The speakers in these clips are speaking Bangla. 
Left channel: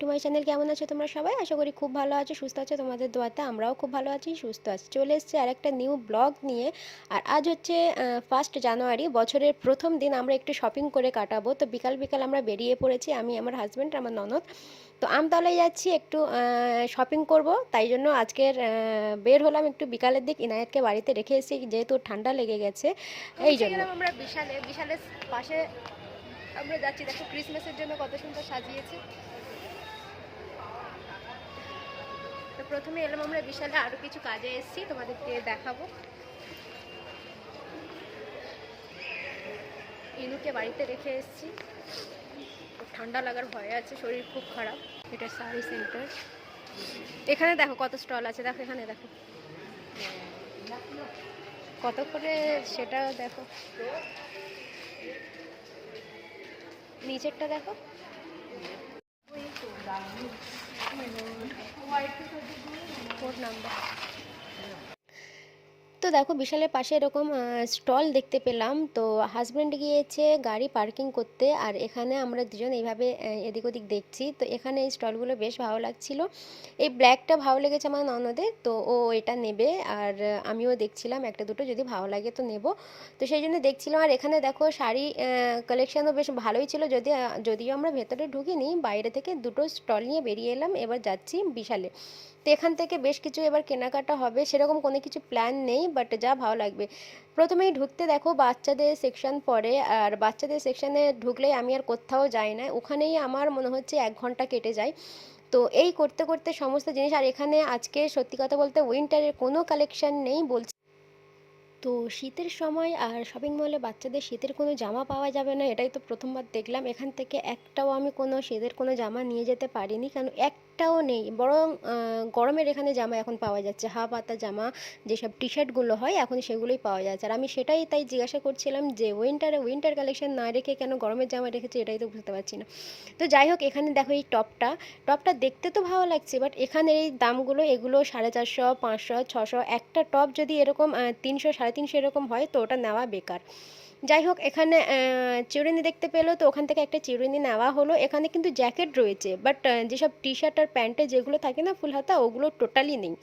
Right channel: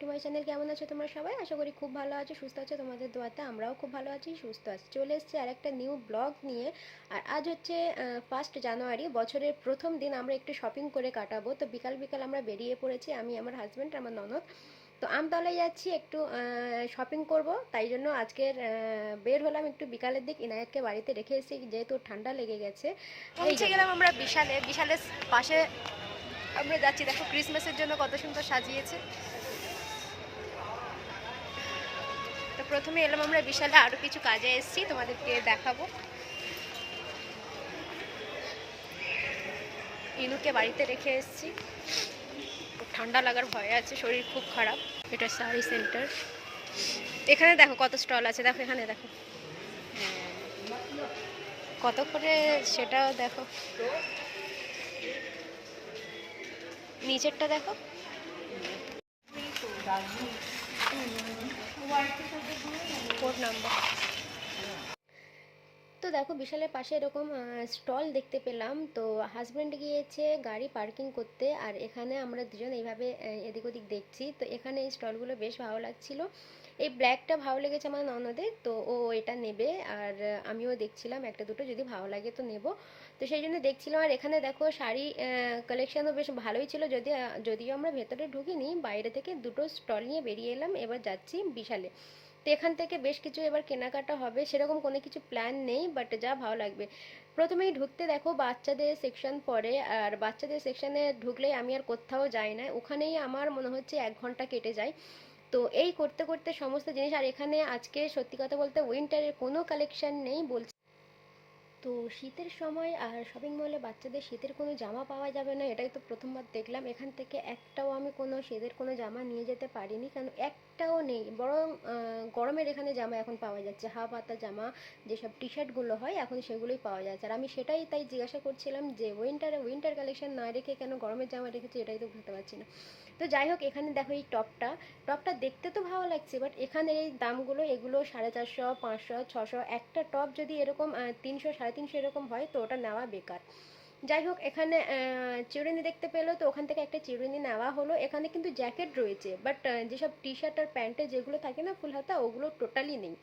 টু মাই চ্যানেল কেমন আছো তোমরা সবাই? আশা করি খুব ভালো আছো সুস্থ আছো তোমাদের দোয়াতে আমরাও খুব ভালো আছি সুস্থ আছি। চলে এসেছি আর একটা নিউ ব্লগ নিয়ে। আর আজ হচ্ছে ফার্স্ট জানুয়ারি বছরের প্রথম দিন আমরা একটু শপিং করে কাটাবো। তো বিকাল বিকাল আমরা বেরিয়ে পড়েছি আমি আমার হাজব্যান্ড আমার ননদ। তো আমতলায় যাচ্ছি একটু শপিং করব। তাই জন্য আজকের বের হলাম একটু বিকালের দিক। ইনায়েতকে বাড়িতে রেখে এসেছি যেহেতু ঠান্ডা লেগে গেছে। এই গেলাম আমরা বিশালে। বিশালের পাশে আমরা যাচ্ছি। দেখো ক্রিসমাসের জন্য কত সুন্দর সাজিয়েছে। তো প্রথমে এলাম আমরা বিশালে আরও কিছু কাজে এসেছি, তোমাদেরকে দেখাবো। ইনুকে বাড়িতে রেখে এসেছি। ঠান্ডা লাগার ভয় আছে, শরীর খুব খারাপ। এটা শাড়ি সেন্টার। এখানে দেখো কত স্টল আছে, দেখো এখানে দেখো। কত করে সেটা দেখো। নিচেরটা দেখো। Four number. তো দেখো বিশালের পাশে এরকম স্টল দেখতে পেলাম। তো হাজব্যান্ড গিয়েছে গাড়ি পার্কিং করতে আর এখানে আমরা দুজন এইভাবে এদিক ওদিক দেখছি। তো এখানে এই স্টলগুলো বেশ ভালো লাগছিল। এই ব্ল্যাকটা ভালো লেগেছে আমার ননদের, তো ও এটা নেবে। আর আমিও দেখছিলাম একটা দুটো, যদি ভালো লাগে তো নেব। তো সেই জন্য দেখছিলাম। আর এখানে দেখো শাড়ি কালেকশানও বেশ ভালোই ছিল। যদি যদিও আমরা ভেতরে ঢুকিনি, বাইরে থেকে দুটো স্টল নিয়ে বেরিয়ে এলাম। এবার যাচ্ছি বিশালে। তো এখান থেকে বেশ কিছু এবার কেনাকাটা হবে, সেরকম কোনো কিছু প্ল্যান নেই বাট যা ভালো লাগবে। প্রথমেই ঢুকতে দেখো বাচ্চাদের সেকশন পরে, আর বাচ্চাদের সেকশনে ঢুকলেই আমি আর কোথাও যাই না। ওখানেই আমার মনে হচ্ছে এক ঘণ্টা কেটে যায়। তো এই করতে করতে সমস্ত জিনিস, আর এখানে আজকে সত্যি কথা বলতে উইন্টারের কোনো কালেকশন নেই বলছি। তো শীতের সময় আর শপিং মলে বাচ্চাদের শীতের কোনো জামা পাওয়া যাবে না, এটাই তো প্রথমবার দেখলাম। এখান থেকে একটাও আমি কোনো শীতের কোনো জামা নিয়ে যেতে পারিনি, কারণ একটাও নেই। বরং গরমের এখানে জামা এখন পাওয়া যাচ্ছে। হাফ হাতা জামা, যেসব টি শার্টগুলো হয়, এখন সেগুলোই পাওয়া যাচ্ছে। আর আমি সেটাই তাই জিজ্ঞাসা করছিলাম যে উইন্টারে উইন্টার কালেকশন না রেখে কেন গরমের জামা রেখেছে, এটাই তো বুঝতে পারছি না। তো যাই হোক, এখানে দেখো এই টপটা। টপটা দেখতে তো ভালো লাগছে বাট এখানে এই দামগুলো, এগুলো সাড়ে চারশো, পাঁচশো, ছশো, একটা টপ যদি এরকম তিনশো, সাড়ে তিনশো সেরকম হয়, তো ওটা নেওয়া বেকার। যাই হোক, এখানে চিরুনি দেখতে পেল, তো ওখান থেকে একটা চিরুনি নেওয়া হলো। এখানে কিন্তু জ্যাকেট রয়েছে বাট যেসব টি শার্ট আর প্যান্টে যেগুলো থাকে না ফুল হাতা ওগুলো টোটালি নেই।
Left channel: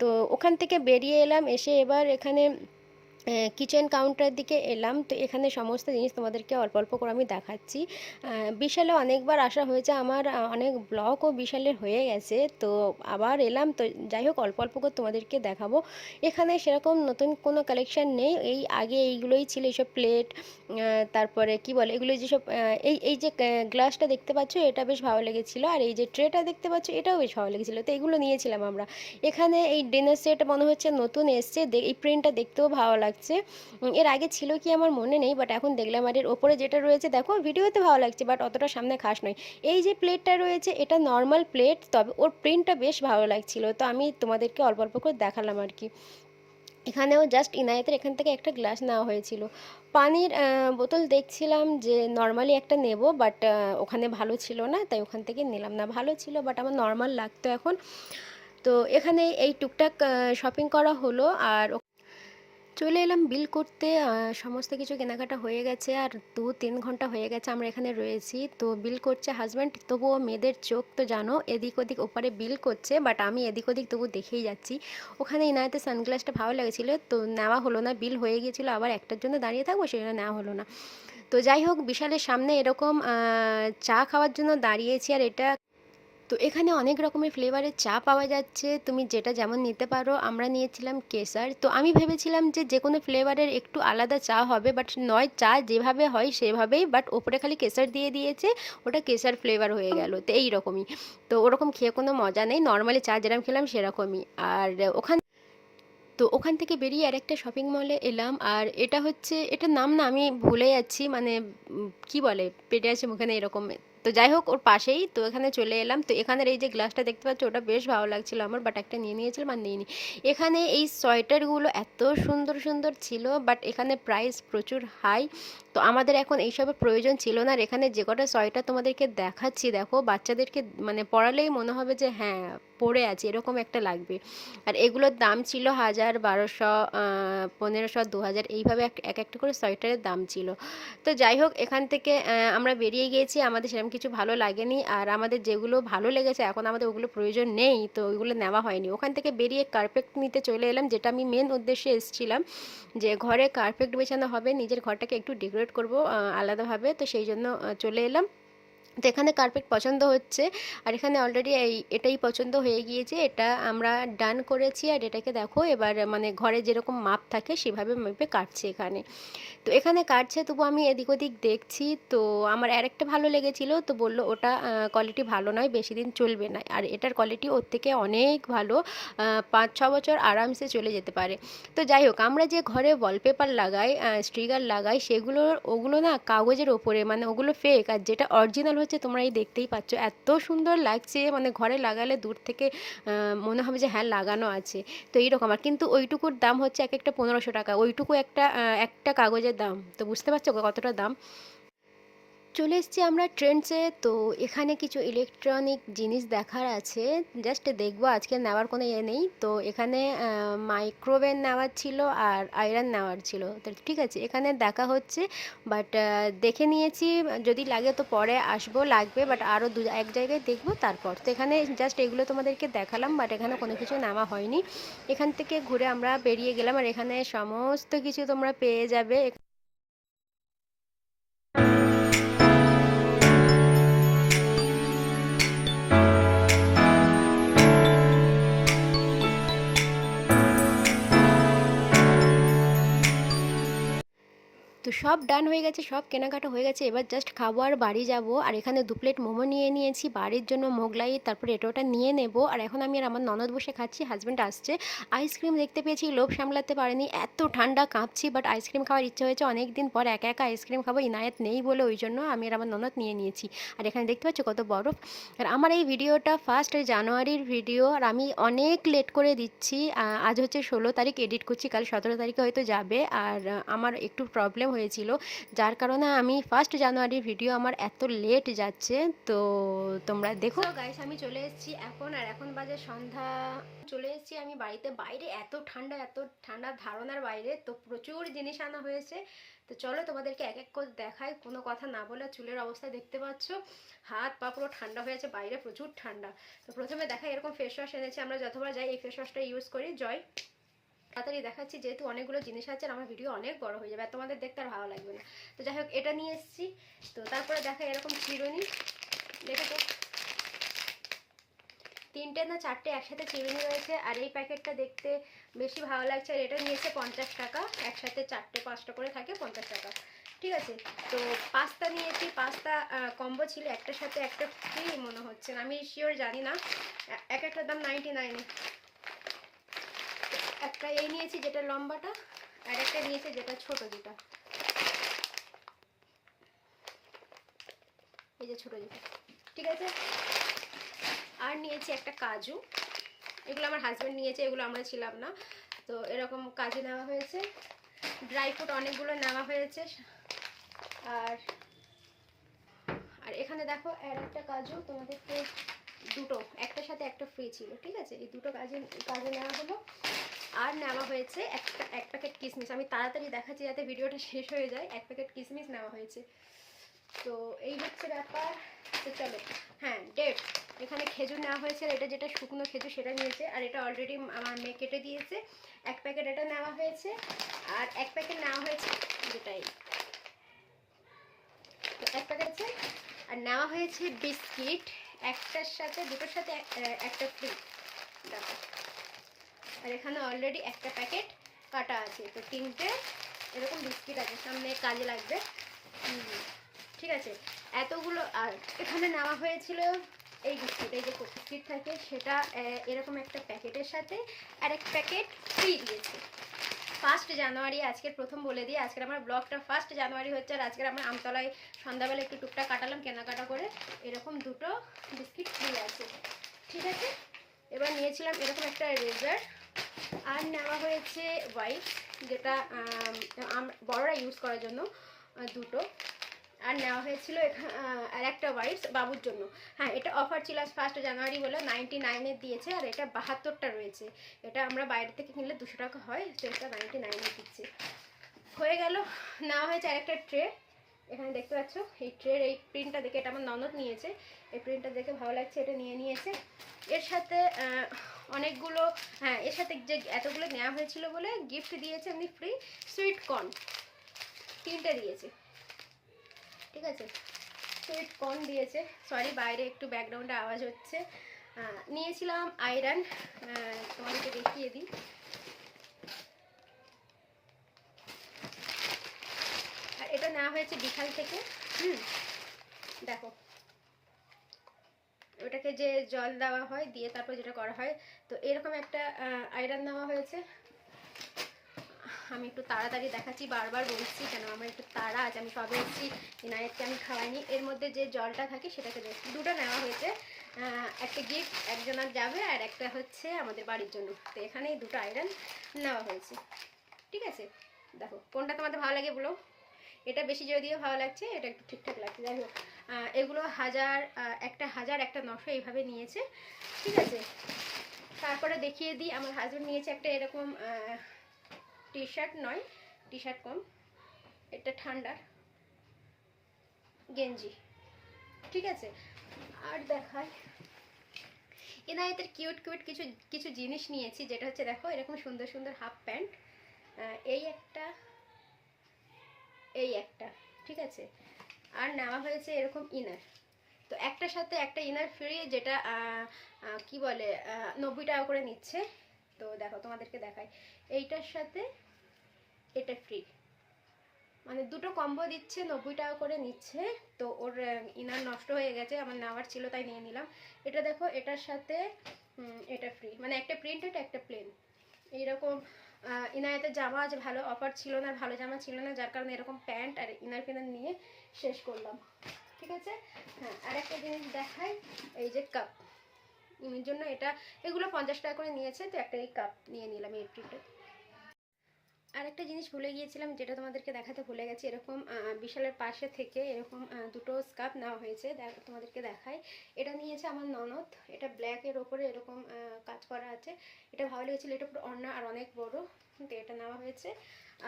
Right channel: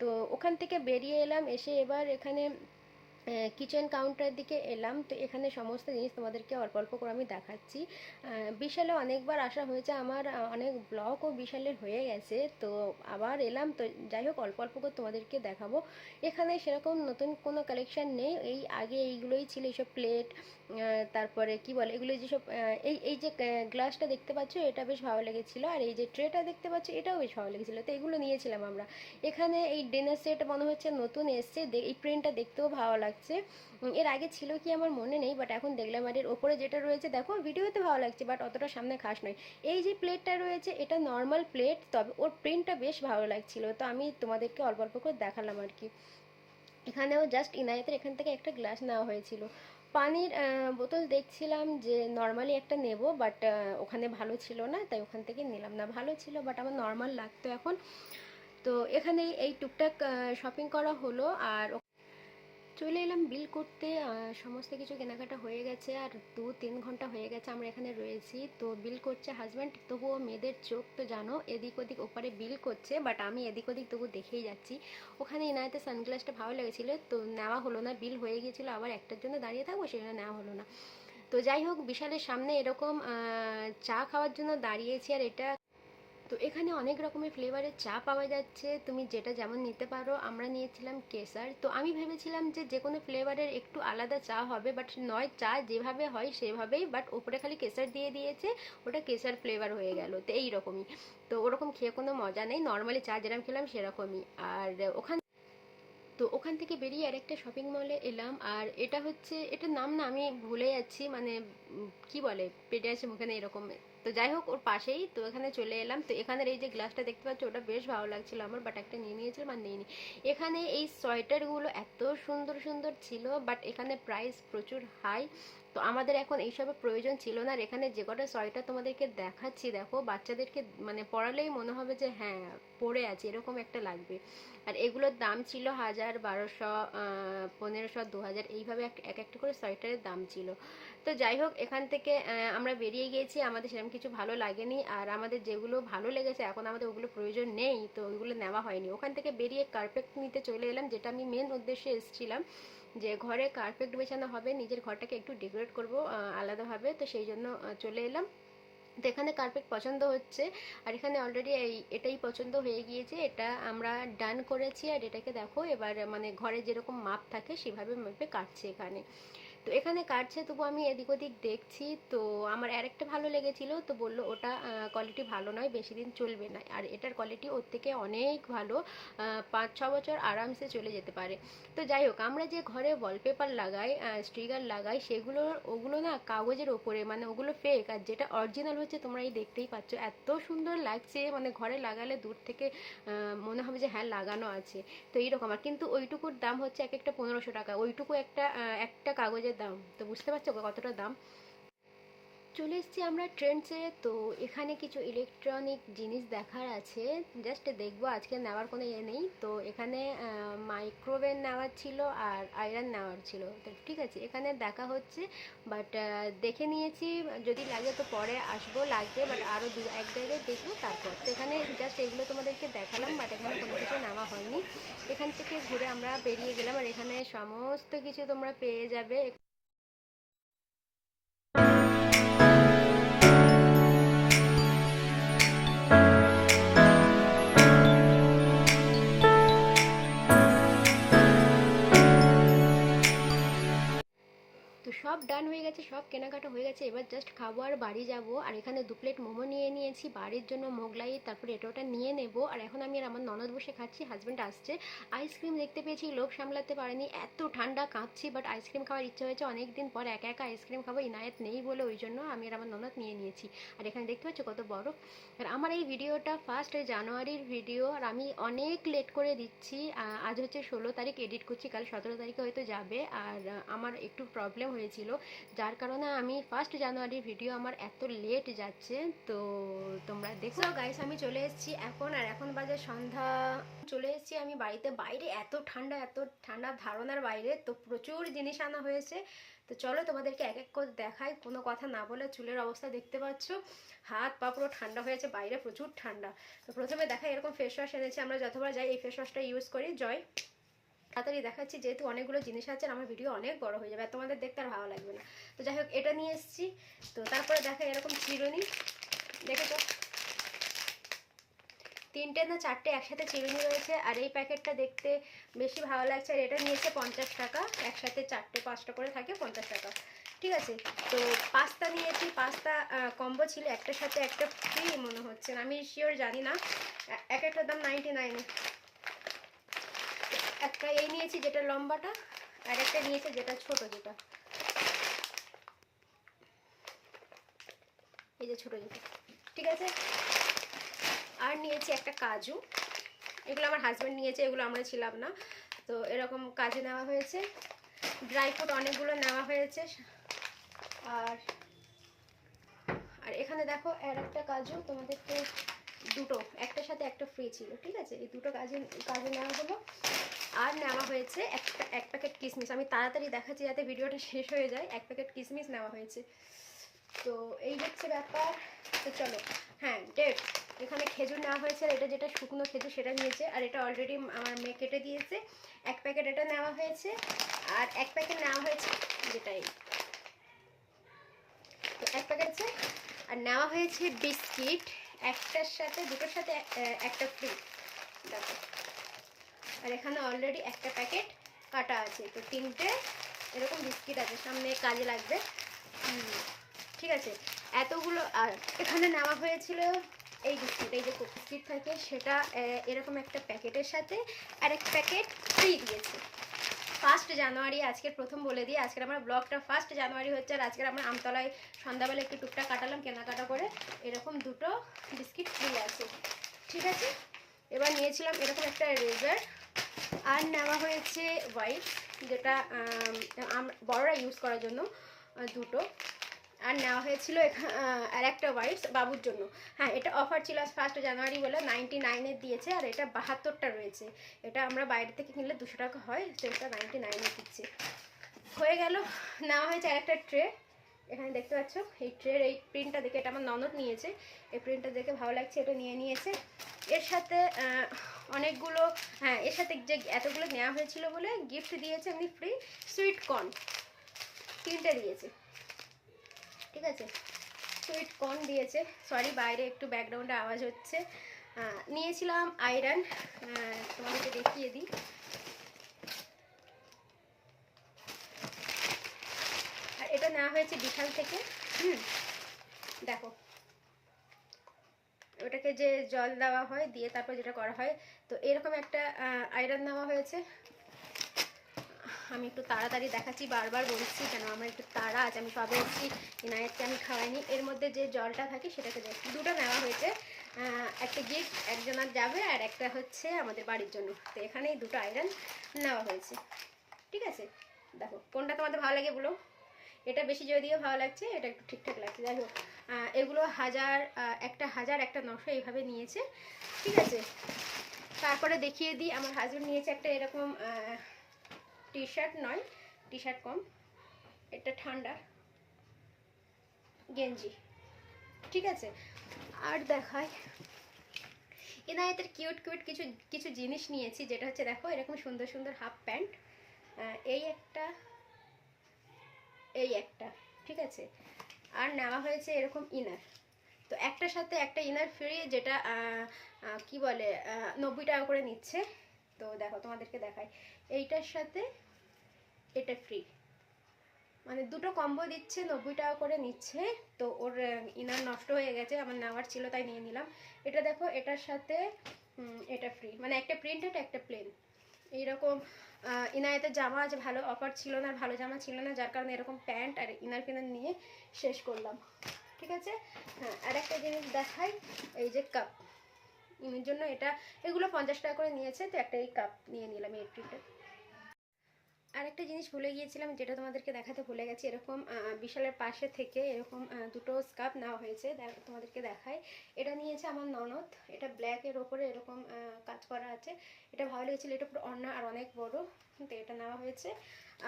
তো ওখান থেকে বেরিয়ে এলাম, এসে এবার এখানে কিচেন কাউন্টারের দিকে এলাম। তো এখানে সমস্ত জিনিস তোমাদেরকে অল্প অল্প করে আমি দেখাচ্ছি। বিশালে অনেকবার আসা হয়েছে। আমার অনেক ব্লগও বিশালের হয়ে গেছে। তো আবার এলাম। তো যাই হোক, অল্প অল্প করে তোমাদেরকে দেখাবো। এখানে সেরকম নতুন কোনো কালেকশান নেই। এই আগে এইগুলোই ছিল এইসব প্লেট তারপরে কি বলে? এগুলো যেসব এই এই যে গ্লাসটা দেখতে পাচ্ছ, এটা বেশ ভালো লেগেছিলো। আর এই যে ট্রেটা দেখতে পাচ্ছ, এটাও বেশ ভালো লেগেছিলো। তো এগুলো নিয়েছিলাম আমরা। এখানে এই ডিনার সেট মনে হচ্ছে নতুন এসছে। এই প্রিন্টটা দেখতেও ভালো লাগছে। এর আগে ছিল কি আমার মনে নেই বাট এখন দেখলাম আর এর ওপরে যেটা রয়েছে, দেখো ভিডিওতে ভালো লাগছে বাট অতটা সামনে খাস নয়। এই যে প্লেটটা রয়েছে, এটা নর্মাল প্লেট তবে ওর প্রিন্টটা বেশ ভালো লাগছিল। তো আমি তোমাদেরকে অল্প অল্প করে দেখালাম আর কি। এখানেও জাস্ট ইনায়েতের এখান থেকে একটা গ্লাস নেওয়া হয়েছিল। পানির বোতল দেখছিলাম যে নর্মালি একটা নেব বাট ওখানে ভালো ছিল না, তাই ওখান থেকে নিলাম না। ভালো ছিল বাট আমার নর্মাল লাগতো এখন। তো এখানে এই টুকটাক শপিং করা হলো, আর চলে এলাম বিল করতে। সমস্ত কিছু কেনাকাটা হয়ে গেছে আর দু তিন ঘণ্টা হয়ে গেছে আমরা এখানে রয়েছি। তো বিল করছে হাজব্যান্ড তবুও মেয়েদের চোখ তো জানো, এদিক ওদিক ওপারে বিল করছে বাট আমি এদিক ওদিক তবু দেখেই যাচ্ছি। ওখানে ইনায়াতে সানগ্লাসটা ভালো লেগেছিলো, তো নেওয়া হলো না, বিল হয়ে গিয়েছিল, আবার একটার জন্য দাঁড়িয়ে থাকব সেটা নেওয়া হলো না। তো যাই হোক, বিশালের সামনে এরকম চা খাওয়ার জন্য দাঁড়িয়েছি, আর এটা তো এখানে অনেক রকমের ফ্লেভারের চা পাওয়া যাচ্ছে। তুমি যেটা যেমন নিতে পারো, আমরা নিয়েছিলাম কেসার। তো আমি ভেবেছিলাম যে যে কোনো ফ্লেভারের একটু আলাদা চা হবে বাট নয়, চা যেভাবে হয় সেভাবেই বাট ওপরে খালি কেসার দিয়ে দিয়েছে, ওটা কেসার ফ্লেভার হয়ে গেল। তো এই রকমই তো ওরকম খেয়ে কোনো মজা নেই। নর্মালি চা যেরকম খেলাম সেরকমই। আর ওখান তো ওখান থেকে বেরিয়ে আর একটা শপিং মলে এলাম। আর এটা হচ্ছে, এটার নাম না আমি ভুলে যাচ্ছি মানে কি বলে? পেটে আছে মুখে এরকম। তো যাই হোক, ওর পাশেই তো এখানে চলে এলাম। তো এখানের এই যে গ্লাসটা দেখতে পাচ্ছ, ওটা বেশ ভালো লাগছিল আমার বাট একটা নিয়ে নিয়েছিলাম আর নিইনি। এখানে এই সোয়েটারগুলো এত সুন্দর সুন্দর ছিল বাট এখানে প্রাইস প্রচুর হাই তো আমাদের এখন এইসবের প্রয়োজন ছিল না, আর এখানে যে কটা সোয়েটার তোমাদেরকে দেখাচ্ছি, দেখো, বাচ্চাদেরকে মানে পড়ালেই মনে হবে যে হ্যাঁ পড়ে আছে, এরকম একটা লাগবে। আর এগুলোর দাম ছিল হাজার বারোশো পনেরোশো দু হাজার এইভাবে এক একটা করে সোয়েটারের দাম ছিল। তো যাই হোক, এখান থেকে আমরা বেরিয়ে গিয়েছি, আমাদের সেরকম কিছু ভালো লাগেনি। আর আমাদের যেগুলো ভালো লেগেছে, এখন আমাদের ওগুলো প্রয়োজন নেই, তো ওইগুলো নেওয়া হয়নি। ওখান থেকে বেরিয়ে কার্পেট নিতে চলে এলাম, যেটা আমি মেন উদ্দেশ্যে এসেছিলাম, যে ঘরে কার্পেট বেছানো হবে, নিজের ঘরটাকে একটু ডেকোরেট করব আলাদাভাবে। তো সেই জন্য চলে এলাম। তো এখানে কার্পেট পছন্দ হচ্ছে। আর এখানে অলরেডি এই, এটাই পছন্দ হয়ে গিয়েছে। এটা আমরা ডান করেছি আর এটাকে দেখো, এবার মানে ঘরে যেরকম মাপ থাকে, সেভাবে মেপে কাটছে এখানে। তো এখানে কাটছে, তবু আমি এদিক ওদিক দেখছি। তো আমার আরেকটা ভালো লেগেছিলো, তো বলল ওটা কোয়ালিটি ভালো নয়, বেশি দিন চলবে না। আর এটার কোয়ালিটি ওর থেকে অনেক ভালো পাঁচ, ছ বছর আরামসে চলে যেতে পারে। তো যাই হোক, আমরা যে ঘরে ওয়ালপেপার লাগাই স্টিকার লাগাই, সেগুলো, ওগুলো না কাগজের ওপরে মানে ওগুলো ফেক আর যেটা অরিজিনাল হচ্ছে তোমরা এই দেখতেই পাচ্ছ। এত সুন্দর লাগছে মানে ঘরে লাগালে দূর থেকে মনে হবে যে হ্যাঁ লাগানো আছে। তো এইরকম, আর কিন্তু ওইটুকুর দাম হচ্ছে এক একটা পনেরোশো টাকা। ওইটুকু একটা একটা কাগজের দাম। তো বুঝতে পারছ কতটা দাম? চলে এসেছি আমরা ট্রেন্ডসে। তো এখানে কিছু ইলেকট্রনিক জিনিস দেখার আছে। জাস্ট দেখব, আজকে নেওয়ার কোনো ইয়ে নেই। তো এখানে মাইক্রোওয়েভ নেওয়ার ছিল আর আয়রন নেওয়ার ছিল। তো ঠিক আছে, এখানে দেখা হচ্ছে। বাট দেখে নিয়েছি। যদি লাগে তো পরে আসব, লাগবে। বাট আরও দু, এক জায়গায় দেখব, তারপর। তো এখানে জাস্ট এগুলো তোমাদেরকে দেখালাম বাট এখানে কোনো কিছু নেওয়া হয়নি। এখান থেকে ঘুরে আমরা বেরিয়ে গেলাম, আর এখানে সমস্ত কিছু তোমরা পেয়ে যাবে। সব ডান হয়ে গেছে, সব কেনাকাটা হয়ে গেছে। এবার জাস্ট খাব আর বাড়ি যাব। আর এখানে দু প্লেট মোমো নিয়ে নিয়েছি, বাড়ির জন্য মোগলাই, তারপরে এটা ওটা নিয়ে নেব। আর এখন আমি আর আমার ননদ বসে খাচ্ছি হাজব্যান্ড আসছে। আইসক্রিম দেখতে পেয়েছি, লোভ সামলাতে পারেনি। এত ঠান্ডা কাঁপছি বাট আইসক্রিম খাওয়ার ইচ্ছে হয়েছে। অনেক দিন পর একা একা আইসক্রিম খাব, ইনায়েত নেই বলে ওই জন্য আমি আর আমার ননদ নিয়ে নিয়েছি। আর এখানে দেখতে পাচ্ছ কত বরফ। আর আমার এই ভিডিওটা ফার্স্ট জানুয়ারির ভিডিও আর আমি অনেক লেট করে দিচ্ছি। আজ হচ্ছে ষোলো তারিখ এডিট করছি, কাল সতেরো তারিখে হয়তো যাবে। আর আমার একটু প্রবলেম হয়েছিল। যার কারণে আমি ফার্স্ট জানুয়ারির ভিডিও আমার এত লেট যাচ্ছে, তো তোমরা দেখো। গাইস আমি চলে এসেছি এখন, আর এখন বাজে সন্ধ্যা। চলে এসেছি আমি বাড়িতে। বাইরে এত ঠান্ডা এত ঠান্ডা ধারণার বাইরে, তো প্রচুর জিনিস আনা হয়েছে। তো চলো তোমাদেরকে এক এক করে দেখাই, কোনো কথা না বলে চুলের অবস্থা দেখতে পাচ্ছ। হাত পা পুরো ঠান্ডা হয়েছে বাইরে প্রচুর ঠান্ডা। তো প্রথমে দেখা এরকম ফেস ওয়াশ এনেছি, আমরা যতবার যাই এই ফেস ওয়াশটা ইউজ করি। জয়। তাড়াতাড়ি দেখাচ্ছি, যেহেতু অনেকগুলো জিনিস আছে আমার ভিডিও অনেক বড় হয়ে যাবে, আর তোমাদের দেখতে আর ভালো লাগবে না। তো যাই হোক, এটা নিয়ে এসেছি। তো তারপরে দেখা এরকম চিরুনি দেখেছ তিনটে না চারটে একসাথে চিরুনি রয়েছে, আর এই প্যাকেটটা দেখতে বেশি ভালো লাগছে। আর এটা নিয়েছে পঞ্চাশ টাকা, একসাথে চারটে পাঁচটা করে থাকে পঞ্চাশ টাকা। ঠিক আছে? তো পাস্তা নিয়েছি, পাস্তা কম্বো ছিল একটার সাথে একটা ফ্রি মনে হচ্ছে আমি শিওর জানি না। এক একটার দাম নাইনটি নাইনে একটা এই নিয়েছি যেটা লম্বাটা, আর একটা নিয়েছি যেটা ছোট যেটা। এই যে ছোট যেটা। ঠিক আছে? আর নিয়েছি একটা কাজু। এগুলো আমার হাজব্যান্ড নিয়েছে, এগুলো আমরা ছিলাম না। তো এরকম কাজু নেওয়া হয়েছে। ড্রাই ফ্রুট অনেকগুলো নেওয়া হয়েছে। আর আর এখানে দেখো, আর একটা কাজু তোমাদেরকে দুটো, একটার সাথে একটা ফ্রি ছিল। ঠিক আছে? এই দুটো কাজে কাজে নেওয়া হলো। আর নেওয়া হয়েছে একটা, এক প্যাকেট কিসমিস। আমি তাড়াতাড়ি দেখাচ্ছি যাতে ভিডিওটা শেষ হয়ে যায়। এক প্যাকেট কিসমিস নেওয়া হয়েছে। তো এই হচ্ছে ব্যাপার। তো চলো হ্যাঁ ডেট এখানে খেজুর নেওয়া হয়েছে আর এটা যেটা শুকনো খেজুর সেটা নিয়েছে। আর এটা অলরেডি আমার মেয়ে কেটে দিয়েছে। এক প্যাকেট এটা নেওয়া হয়েছে। আর এক প্যাকেট নেওয়া হয়েছে যেটাই। তো এক প্যাকেট আছে। আর নেওয়া হয়েছে বিস্কিট। একটার সাথে, দুটোর সাথে একটা ফ্রি দেখো। আর এখানে অলরেডি একটা প্যাকেট কাটা আছে। তো তিনটে এরকম বিস্কিট আছে, সামনে কাজে লাগবে। ঠিক আছে। এতগুলো, আর এখানে নেওয়া হয়েছিল এই বিস্কিট এই যে বিস্কিট থাকে, সেটা এরকম একটা প্যাকেটের সাথে আর এক প্যাকেট ফ্রি দিয়েছে। ফার্স্ট জানুয়ারি আজকের প্রথম বলে দিই আজকের আমার ব্লগটা ফার্স্ট জানুয়ারি হচ্ছে, আর আজকের আমরা আমতলায় সন্ধ্যাবেলা একটু টুকটা কাটালাম, কেনাকাটা করে এরকম দুটো বিস্কিট ফ্রি আছে। ঠিক আছে? এবার নিয়েছিলাম এরকম একটা রেজার আর নেওয়া হয়েছে হোয়াইট যেটা বড়রা ইউজ করার জন্য দুটো। আর নেওয়া হয়েছিল আর একটা হোয়াইটস বাবুর জন্য। হ্যাঁ এটা অফার ছিল আজ ফার্স্ট জানুয়ারি বলে নাইনটি নাইনের দিয়েছে, আর এটা বাহাত্তরটা রয়েছে। এটা আমরা বাইরে থেকে কিনলে দুশো টাকা হয়, তো এটা নাইনটি নাইনে দিচ্ছে। হয়ে গেল, নেওয়া হয়েছে আর একটা ট্রে এখানে দেখতে পাচ্ছ, এই ট্রের এই প্রিন্টটা দেখে এটা আমার ননদ নিয়েছে। এই প্রিন্টটা দেখে ভালো লাগছে, এটা নিয়ে নিয়েছে। এর সাথে অনেকগুলো হ্যাঁ এর সাথে যে এতগুলো নেওয়া হয়েছিল বলে গিফট দিয়েছে এমনি ফ্রি সুইট কর্ন তিনটে দিয়েছে। ঠিক আছে? সুইট কর্ন দিয়েছে। সরি বাইরে একটু ব্যাকগ্রাউন্ডে আওয়াজ হচ্ছে। নিয়েছিলাম আয়রন তোমাদেরকে দেখিয়ে দিই আর এটা নেওয়া হয়েছে বিশাল থেকে। দেখো। ওটাকে যে জল দেওয়া হয়, দিয়ে তারপর যেটা করা হয়, তো এরকম একটা আয়রন নেওয়া হয়েছে। আমি একটু তাড়াতাড়ি দেখাচ্ছি, বারবার বলছি কেন আমার একটু তাড়া আছে, আমি সবে এসেছি, ইনায়েতকে আমি খাওয়াইনি। এর মধ্যে যে জলটা থাকে, সেটাকে দেখ, দুটো নেওয়া হয়েছে। একটা গিফট, একজনের যাবে, আর একটা হচ্ছে আমাদের বাড়ির জন্য। তো এখানেই দুটো আয়রন নেওয়া হয়েছে। ঠিক আছে? দেখো, কোনটা তোমাদের ভালো লাগে বলো? এটা বেশি যদিও ভালো লাগছে, এটা একটু ঠিকঠাক লাগছে। যাই হোক এগুলো হাজার একটা হাজার, একটা নশো এইভাবে নিয়েছে। ঠিক আছে? তারপরে দেখিয়ে দিই, আমার হাজব্যান্ড নিয়েছে একটা এরকম টি শার্ট নয় টি শার্ট কম, এটা ঠান্ডা, গেঞ্জি। ঠিক আছে? আর দেখাই এনায়েতের কিউট কিউট কিছু কিছু জিনিস নিয়েছি, যেটা হচ্ছে দেখো, এরকম সুন্দর সুন্দর হাফ প্যান্ট এই একটা এই একটা, ঠিক আছে? আর নেওয়া হয়েছে এরকম ইনার তো একটার সাথে একটা ইনার ফ্রি যেটা কি বলে নব্বই টাকা করে নিচ্ছে। তো দেখো, তোমাদেরকে দেখাই। এইটার সাথে এটা ফ্রি মানে দুটো কম্বো দিচ্ছে, নব্বই টাকা করে নিচ্ছে। তো ওর ইনার নষ্ট হয়ে গেছে, আমার নেওয়ার ছিল, তাই নিয়ে নিলাম। এটা দেখো, এটার সাথে এটা ফ্রি মানে একটা প্রিন্টেড একটা প্লেন এইরকম আহ, ইনায়েতের জামা আছে ভালো অফার ছিল না ভালো জামা ছিল না যার কারণে এরকম প্যান্ট আর ইনার ফিনার নিয়ে শেষ করলাম। ঠিক আছে? হ্যাঁ আর একটা জিনিস দেখাই এই যে কাপ ইমের জন্য এটা এগুলো পঞ্চাশ টাকা করে নিয়েছে তো একটা এই কাপ নিয়ে নিলাম এই আর একটা জিনিস ভুলে গিয়েছিলাম, যেটা তোমাদেরকে দেখাতে ভুলে গেছি, এরকম বিশালের পাশে থেকে এরকম দুটো স্কার্ফ নেওয়া হয়েছে তোমাদেরকে দেখাই। এটা নিয়েছে আমার ননদ, এটা ব্ল্যাকের ওপরে এরকম কাজ করা আছে। এটা ভালো লেগেছিলো, এটা পুরো অন্য আর অনেক বড় তো এটা নেওয়া হয়েছে।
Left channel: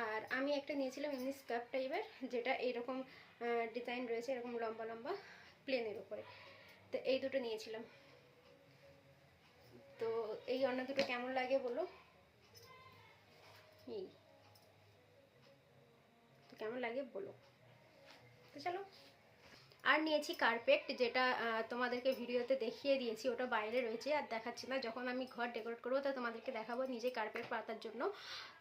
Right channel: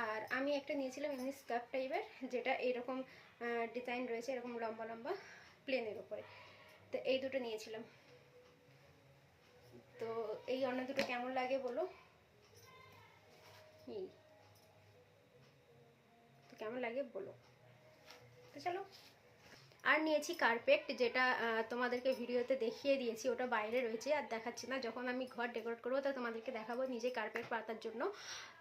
আর আমি একটা নিয়েছিলাম এমনি স্কার্ফ টাইপের, যেটা এরকম ডিজাইন রয়েছে, এরকম লম্বা লম্বা প্লেনের ওপরে। তো এই দুটো নিয়েছিলাম। তো এই অন্য দুটো কেমন লাগে বলো? এই। কেমন লাগে বলো। তো চলো। আর নিয়েছি কার্পেট যেটা তোমাদেরকে ভিডিওতে দেখিয়ে দিয়েছি, ওটা বাইরে রয়েছে আর দেখাচ্ছি না। যখন আমি ঘর ডেকোরেট করব, তো তোমাদেরকে দেখাবো নিজে কার্পেট পাতার জন্য।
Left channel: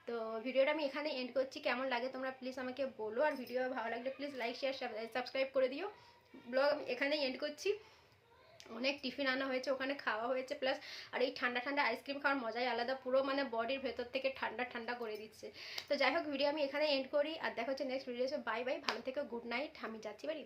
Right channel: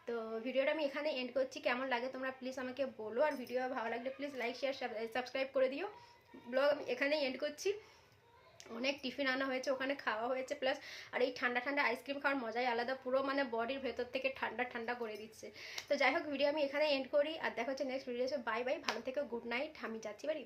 তো ভিডিওটা আমি এখানে এন্ড করছি। কেমন লাগে তোমরা প্লিজ আমাকে বলো। আর ভিডিও ভালো লাগলে প্লিজ লাইক শেয়ার সাবস্ক্রাইব করে দিও। ব্লগ আমি এখানেই এন্ড করছি। অনেক টিফিন আনা হয়েছে, ওখানে খাওয়া হয়েছে প্লাস আর এই ঠান্ডা ঠান্ডা আইসক্রিম খাওয়ার মজাই আলাদা, পুরো মানে বডির ভেতর থেকে ঠান্ডা ঠান্ডা করে দিচ্ছে। তো যাই হোক ভিডিও আমি এখানে এন্ড করি, আর দেখা হচ্ছে নেক্সট ভিডিও বাই বাই ভালো থেকে গুড নাইট আমি যাচ্ছি বাড়ি।